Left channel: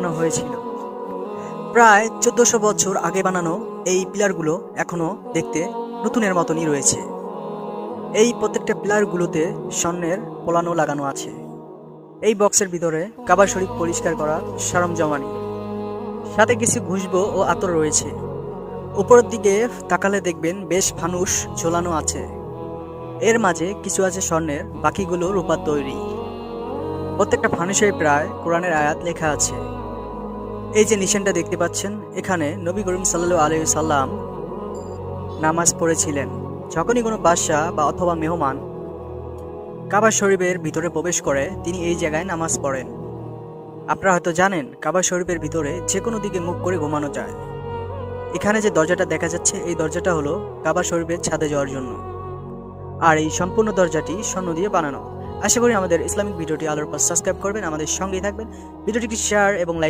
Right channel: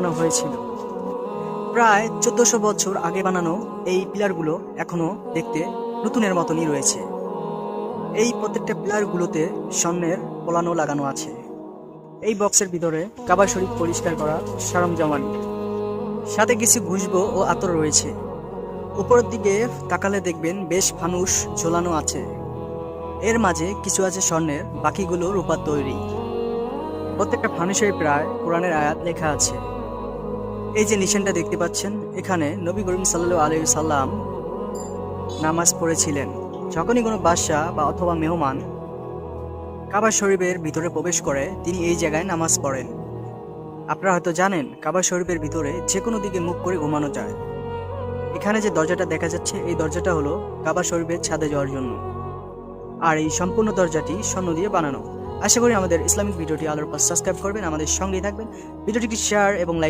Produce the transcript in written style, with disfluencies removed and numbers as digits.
বানানো হয়েছিল। প্রায় 1400 বছর আগে বানানো এই পিলারগুলো এখনো দেখতে নতুনের মতনই রয়েছে। এই প্রত্যেকটা পিলারগুলোতে স্বর্ণের পোলানো লাগানো আছে। এই বক্সের ভিতরে কাবা শরীফ পরিষ্কার করার সরঞ্জামানি, সাথে কিছু খুশবু ও আতর রয়েছে। উপরের দিকে তাকালে দেখবেন বেশ ফানুস ঝোলানো আছে। এর মাঝে কিছু আছে স্বর্ণের, বাকিগুলো রূপার তৈরি। প্রত্যেকটা ফানুসের প্রায় কোরআনের আয়াত লেখা আছে। এই যে নিশানটা দেখতে পাচ্ছেন, এখানে নবী করিম সাল্লাল্লাহু আলাইহি সাল্লাম নামাজ পড়েছিলেন। যখনই কোনো বাদশাহ বা অথবা মেহমান কাবা শরীফের ভিতরে প্রবেশ করে, তিনি এই জায়গায় নামাজ পড়েন। আপনারা হয়তো জানেন, কাবা শরীফের ভিতরে যে কোনো দিকে মুখ করে ঘুমানো যায়। এখানে যে দরজাটা দেখা যাচ্ছে, এই দরজাটা হলো কাবা শরীফের ছাদে যাওয়ার জন্য। আর এই সম্পূর্ণ দরজাটি স্বর্ণ দিয়ে বানানো। আশা করি আমাদের ইসলামিক ভিডিওটি আলোর পর সাবস্ক্রাইব করবেন, আমাদের সঙ্গেই থাকবেন। ভিডিওটিকে শেয়ার এবং লাইক